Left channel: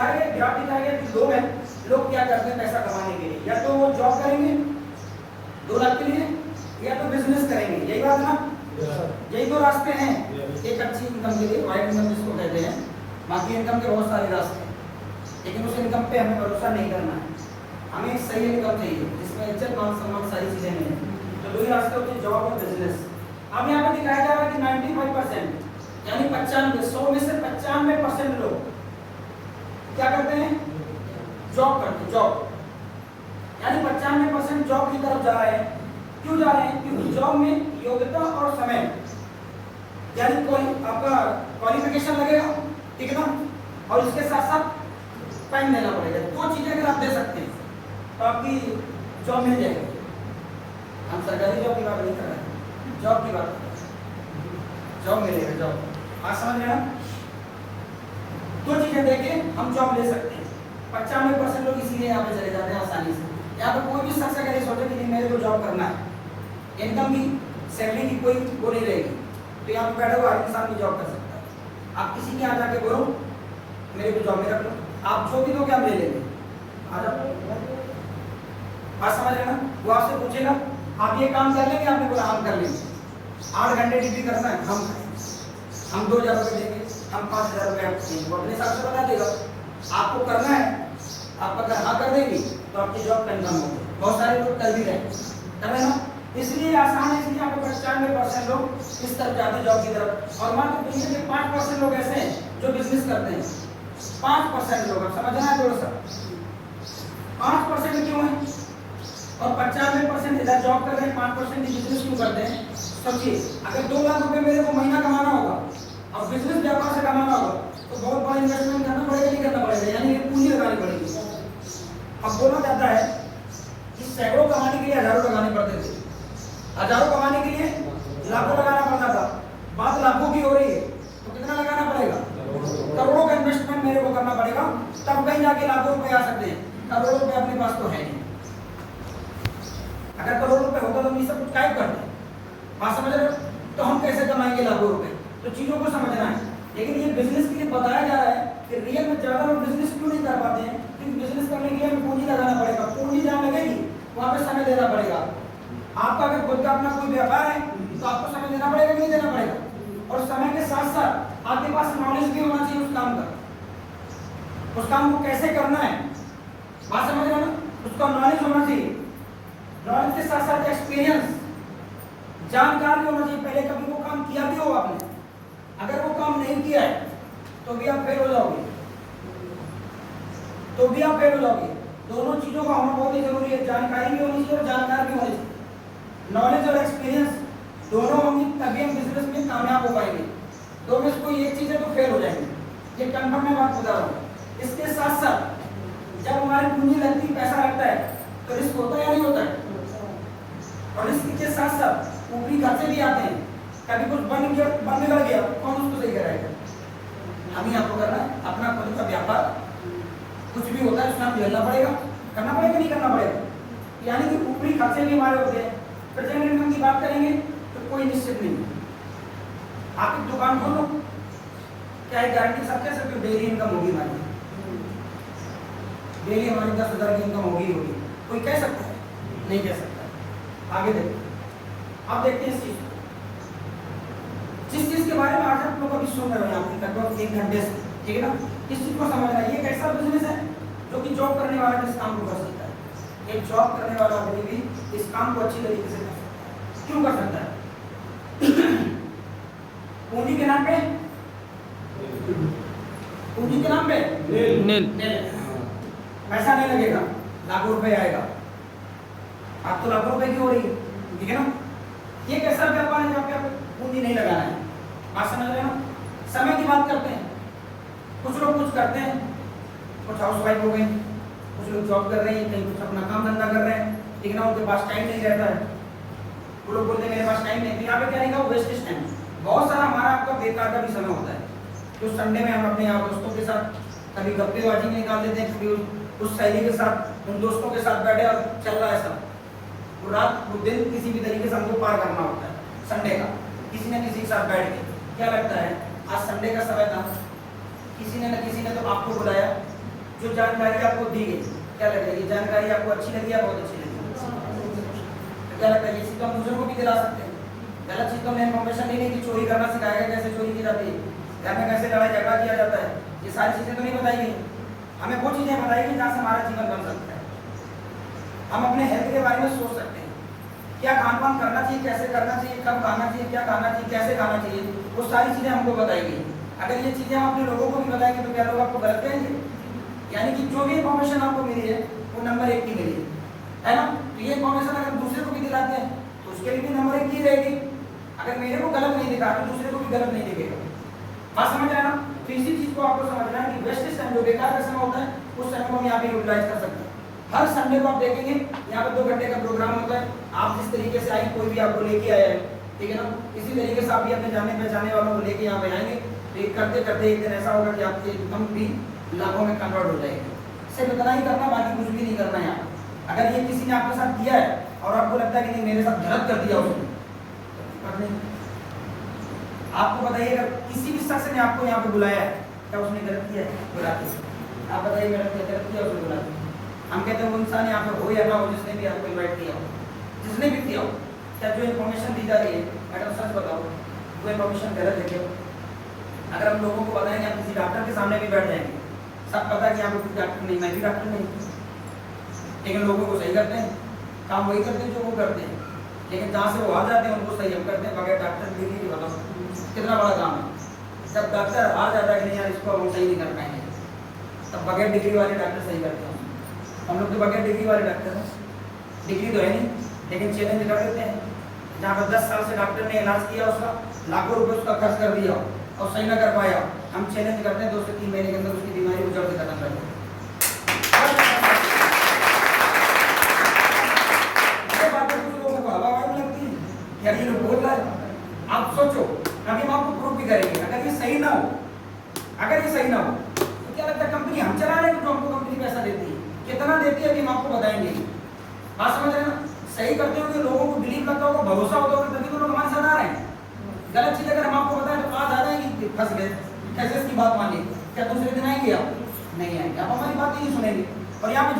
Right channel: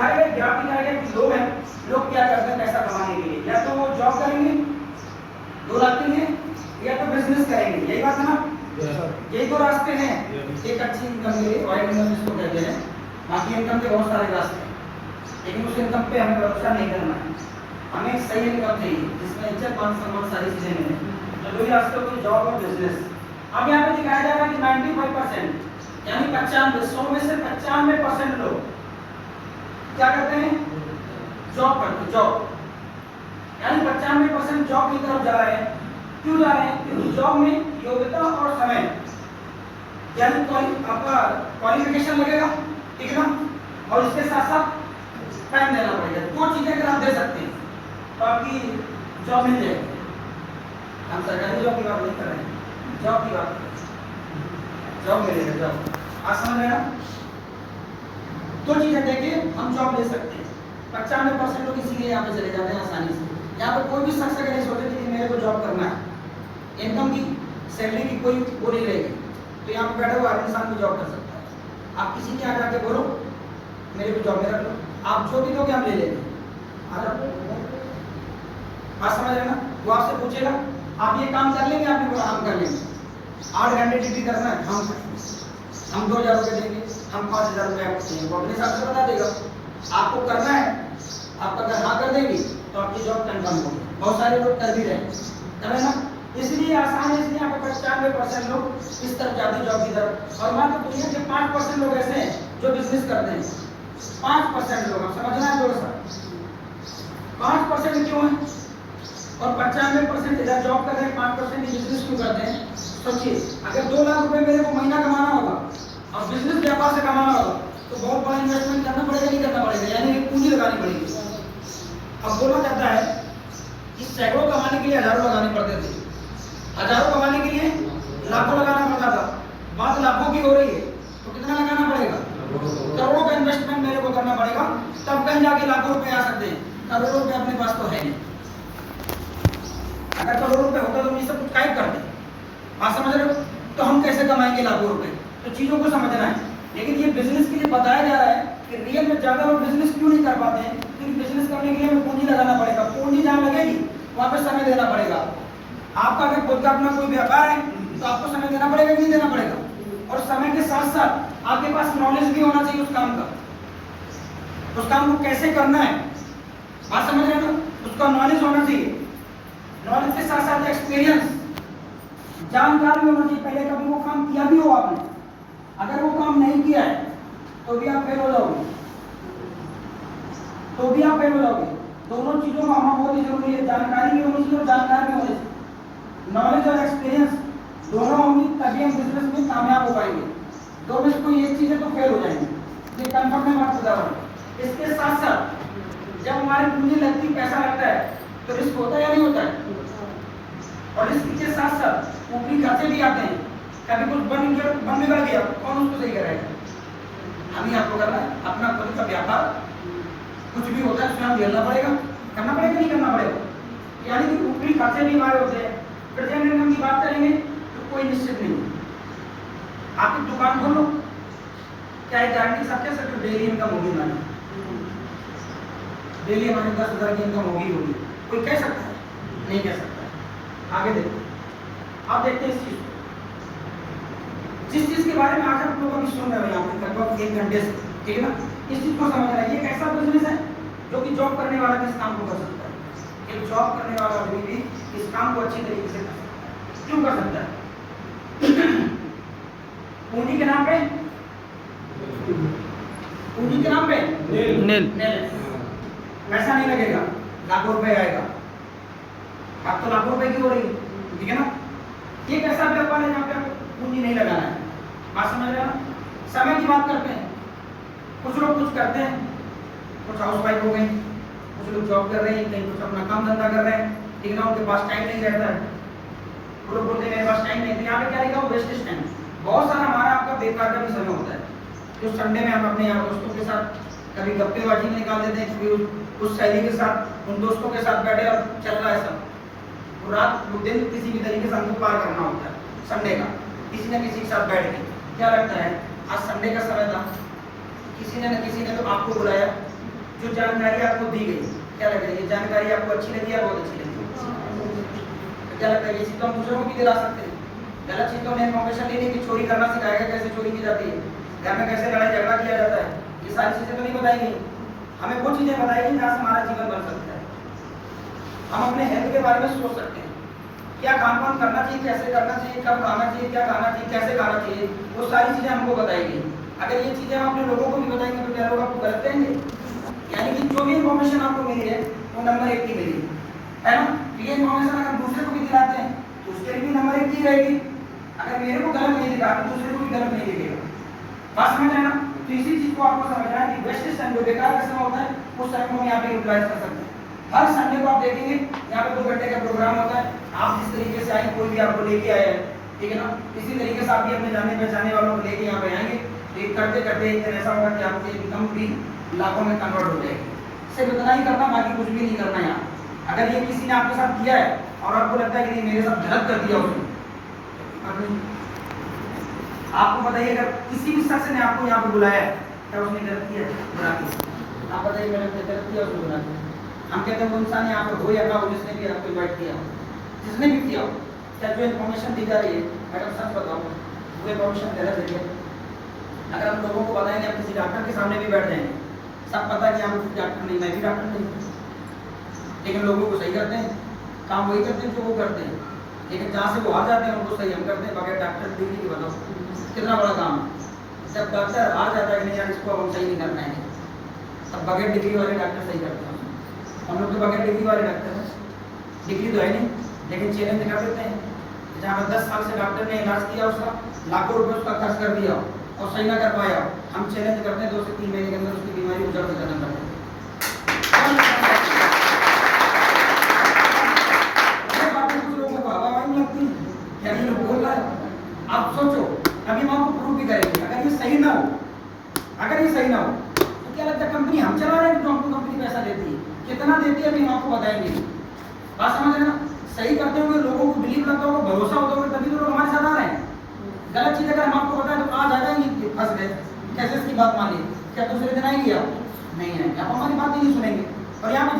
दिखाया गया, ग्राफ दिखाया गया कि लोग हैं, लोग क्या करते हैं पैसा कमाने के लिए, या तो वो जॉब करेंगे 2 लाख के लिए, या तो बिजनेस करेंगे। यही बात है ना, यही तो रास्ते हैं एक अच्छी इनकम के लिए, वाइड इनकम जिसको कहते हैं। बाकी इनकम के बहुत सारे रास्ते हैं, लेकिन उस इनकम पे हमें भरोसा नहीं करना है, हमें सही इनकम चाहिए जिसमें इज्जत मान सम्मान सारी चीजें मिले। तो 2 ही रास्ते होते हैं, जॉब और बिजनेस। अब यहाँ पे दिखाया जा रहा है कि 95% यानी 95, 100 में से 95% लोग क्या करते हैं, जॉब करते हैं। जॉब यानी 95% जॉब की तरफ जा रहे हैं। क्यों जा रहे हैं? क्योंकि जॉब में योग्यता और समय यानी आपका क्वालिफिकेशन लगेगा, ठीक ना, और इसके साथ साथ टाइम देना पड़ेगा। 2 चीजें अगर आप दे सकते हैं तो आपकी जॉब मिल जाएगी। हम सरकारी जॉब की बात नहीं कर रहे हैं, जॉब की बात कर रहे हैं, जॉब मिलेगा, जॉब। आज समझ में आया? 2 चीजें देके हम जॉब ले सकते हैं। 95% लोग इसीलिए यहाँ पे चले जाते हैं आसानी से। यहाँ पे कोई भी शख्स अगर ये सोचे कि मेरे को जॉब करना है, इनकम की सैलरी की कोई वो नहीं रहेगी, तो यहाँ पे बैठे हुए हर इंसान को जॉब कर सकता है। आप किसी के यहाँ जाके बोलो मेरे को जॉब में रख लो, आप जो दिनों के हम ले लेंगे, आ जाओ। बात समझ रहे ना? वो आपसे पूछेगा आप ये काम कर लेंगे, आपने बोला हम कर लेंगे। 8 घंटे ड्यूटी करना है, हम 2000 रुपये देंगे, हम 5000 रुपये आपको चाहिए, वो अपने हिसाब से बता देगा। आपको करना है, आप अगर हाँ कर देंगे तो आपकी जॉब कन्फर्म होगी। बहुत सारे लोग कर भी रहे हैं ना, इसलिए आसान है। इसलिए यहाँ पे 95% लोग इस तरफ जाते हैं जॉब की तरफ, और मात्र दुनिया के 5% लोग ऐसे हैं जो बिजनेस करते हैं। 5% लोग, आप समझना है थोड़ा सा, 5% क्यों है और 95% इधर जॉब कर रहे हैं, 5% बिजनेस क्यों करते हैं? सोचिए, अगर 2 लाख रुपए मेरे को महीना कमाना होगा और बिजनेस व्यापार से कमाना होगा तो बहुत बड़ा इन्वेस्टमेंट करना पड़ेगा, नहीं करना पड़ेगा? यानी पूंजी लगानी पड़ेगी। अब बोला जाता है कि सैकड़ों कमाने के लिए हजारों लगाने पड़ते थे, हजारों कमाने के लिए लाखों लगाना पड़ता था। बात लाखों की हो रही है तो कितना लगाना पड़ेगा? करोड़ों का इन्वेस्टमेंट मेरे को करना पड़ेगा, तब कहीं जाके लाखों रुपए आ सकते हैं। करोड़ों रुपए अपने पास तो है नहीं। अगर करोड़ों रुपए होते तो हम ये सब कुछ काय करते? आप समझ रहे हो? तो हम कैसे कमाएंगे लाखों रुपए? तो चीजों को समझना है। लेकिन ये बिजनेस के लिए बताया जा रहा है कि रियल में ज्यादा लोग बिजनेस क्यों नहीं कर पाते हैं? क्योंकि बिजनेस करने के लिए हमें पूंजी लगाना पड़ेगा। पूंजी जहाँ लगेगी वहां पे समय देना पड़ेगा। आपका अगर खुद का अपना कोई व्यापार है तो आपको समय देना पड़ेगा कि नहीं देना पड़ेगा? और समय के साथ साथ आपके पास नॉलेज भी होना चाहिए उस काम का, उस काम को कैसे करना है। बात समझ रहे हो ना? उसका नॉलेज होना चाहिए। नॉलेज के साथ साथ एक्सपीरियंस, जानकार भी होना चाहिए। पहले कभी वो काम किया भी हो आपने, अगर वो काम नहीं किया है तो भी आप फेल हो जाओगे, तो भी आप फेल हो जाओगे। दोनों चीजों का होना बहुत ही जरूरी है। जानकारी भी होनी चाहिए और जानकार भी होने चाहिए। नॉलेज और एक्सपीरियंस दोनों होंगी तभी हम बिजनेस में कामयाब हो पाएंगे। दो में से कोई एक चीज है तो फेल हो जाएंगे, ये कंफर्म में बात बता रहा हूं। इसके साथ साथ जब हमारी पूंजी लगती है, पैसा लगता है, तो रिस्क होता है या नहीं होता है? और रिस्क के साथ साथ ऊपरी खर्चे भी आते हैं। कभी कुछ बन बिगड़ गया, कौन उसको सही कराएगा? हम ही आपको करना है। अपना खुद का व्यापार कुछ भी होता है उसमें हम झेलना पड़ेगा, करना पड़ेगा, नहीं करना पड़ेगा? यानी कि ऊपरी खर्चे भी हमारे होते हैं। प्रेजेंट इनकम की बात करेंगे तो कोई निश्चित नहीं। आप एक दुकान खोलो, क्या गारंटी सब कह सकते हो डेली इनकम होगी हमारी? डेली हमारी 10,000 की इनकम होगी? कोई कह सकता है? नहीं कह सकता है। आगे देखो, आप देखते हैं इस चीज को, जिस चीज के बारे में आज आप लोग अभी सुन रहे हो यहाँ पे लगभग 1 घंटे से, ठीक है ना? इस चीज को समझना है। ये एक ऐसा बिजनेस है जो कि जॉब करने वाला भी इस काम को कर सकता है। एक जॉब करने वाला आदमी भी इस काम को अच्छी तरीके से कर सकता है। क्यों कर सकता है? पूंजी के नाम पे, पूंजी के नाम पे पैसा नहीं लगेगा, लाखों रुपए आएगा। अब तो लाखों रुपए की हो रही है, ठीक है ना? ये एक ऐसा व्यापार है जहाँ पे आपको पूंजी नहीं लगाना है। बात समझ रहे हैं ना? समय की बात करते हैं, कुछ लोग कुछ करते हैं, कुछ हाउस वाइफ हो गए, कुछ लोग जॉब कर रहे हैं, कहीं कुछ अपना काम धंधा कर रहे हैं, लेकिन उनके पास टाइम नहीं रहता है। वो लोग बोलते हैं मेरे पास टाइम नहीं, तो यहाँ पे क्या रहेगा? Wastage time. बहुत सारा हमारा आपका बेकार का भी समय होता है। जो संडे में हम अपने यार दोस्तों के साथ कभी गप्पेबाजी में निकाल देते हैं, कभी उस सहेली के साथ, उन दोस्तों के साथ बैठे और चल रहा है सब। वो रात वो दिन किसी भी तरीके से हमको पार करना होता है। संडे का किसी न किसी के साथ बैठ के क्या लगता है, आज संडे का समय था, किसी ने न किसी ने तो आपको बुलाया, जो जानकारी आपको दी गई, क्या लग रहा है ये जानकारी आपको अच्छी लगी या बहुत अच्छी लगी? तो क्या लगता है ये चीज़ तो हम दूसरों को भी दिला सकते हैं। गलत चीज़ तो हमें इन्फॉर्मेशन लेनी कि चोरी करना सिखाएगा, कैसे चोरी की जाती है, घर में कैसे लड़ाई झगड़ा किया जाता है, ये सारी चीज़ें तो नहीं बताई गई। हमें वो चीज़ें बताएगी जहाँ से हमारा जीवन बन सकता है। हम अपने हेल्थ के बारे में सोच सकते हैं, क्या खान पान करना चाहिए, कैसे करना चाहिए, कब खाना चाहिए, क्या खाना चाहिए, कैसे खाना चाहिए, वो सारी चीज़ें हमको बताएगी। अगर ये चीज़ें हम अपने लोगों को भी बताएंगे तो क्या लोग आपको गलत कहेंगे? यानी कि जो भी इन्फॉर्मेशन आपको मिली है वो नंबर 1 की मिली है ना। ये इन्फॉर्मेशन अगर दूसरे को भी दिलाते हैं तो उसके लिए भी नंबर 1 की रहेगी। अगर मेरे को गलत नहीं दिखा तो दूसरे को भी गलत नहीं दिखेगा। बात समझ रहे हैं ना? तो इसी चीज़ को आपको समझना है कि वेस्टेज टाइम जो बेकार का समय होता है उस टाइम को हम यहाँ पे यूटिलाइज कर सकते हैं। हर संडे को आप देखेंगे यहाँ पे 2 घंटे का प्रोग्राम होता है। आप जिस तरीके से आए, कोई भी आपको लेके आया है, ठीक है ना, इसी तरीके से आप भी अपने जाने पहचाने वालों को लेके यहाँ पे आएंगे। एक करते करते एक दिन ऐसा होगा कि आपकी इनकम भी लाखों में कन्वर्ट हो जाएगी। सिर्फ इतना ही करना, बाकी कुछ भी नहीं करना है यहाँ। अगर ये किसी ने आपके साथ किया है और आपको लगता है कि नहीं मेरे साथ गलत कर दिया उसने, आपको बताइए अगर किसी भी शख्स ने आपको यहाँ पे बुलाया है, क्या उसने गलत किया है? बुलाते आप बताइए मेरा गलत किया उसने बुलाते। हम कहते हैं वो इंसान यहाँ पर हो या ना हो, जिसने भी आपको इन्वाइट किया हो, जिसने भी किया हो, क्या जो इन्फॉर्मेशन दी जा रही है, मैडम सच बताओ वो इन्फॉर्मेशन गलत है क्या? अगर हम लोगों को बताएंगे, आप किसी डॉक्टर के सामने भी बैठ जाएंगे, सब पता है कि आप डॉक्टर नहीं, मैं भी डॉक्टर नहीं, लेकिन लोगों को सही करते हैं, काम वही करते हैं जो वो करते हैं, लेकिन जहाँ से वो हार जाते हैं उनको सही हम करते हैं बगैर डॉक्टर डिग्री के। बताओ कितना बड़ा काम है। जब डॉक्टर हार जाता है कि नहीं यार इसको हम सही नहीं कर पाएंगे, तब बगैर डिग्री वाले डॉक्टर सही करते हैं। हम लोग तो बगैर डिग्री वाले डॉक्टर हैं, डिग्री तो है नहीं, लेकिन चैलेंज कर देते हैं। जहाँ पर 10 साल से डॉक्टर ने इलाज किया, उसका लाखों रुपये उसका खर्च कर दिया और सही ना कर पाया, हम चैलेंज करते हैं 2 से 3 महीने के अंदर उसकी बीमारी को जड़ से खत्म कर देते हैं। बोल रहा है, आप सोचो, अभी हम आपको प्रूफ भी करेंगे। अगर ये सही ना हो, अगर ये सही ना हो तो क्या लगता है कंपनी हम चला रहे हैं, तो हमको कंपनी पैसा देती है, कितना देती है अभी हम आपको बताएंगे। बात समझ रहे हैं ना? सही करते हुए लोगों को बिलीव लगता होगा, भरोसा होता होगा, तभी तो लोग हमारे साथ आ रहे हैं। गलत चीज अगर हम आपको बताएं तो आज आ जाएंगे, फंस गए, कैसे इसकी बात मानिए, क्या दूसरे दिन आएंगे आप? नहीं आएंगे, आप हमारी बात ही नहीं सुनेंगे। और यहाँ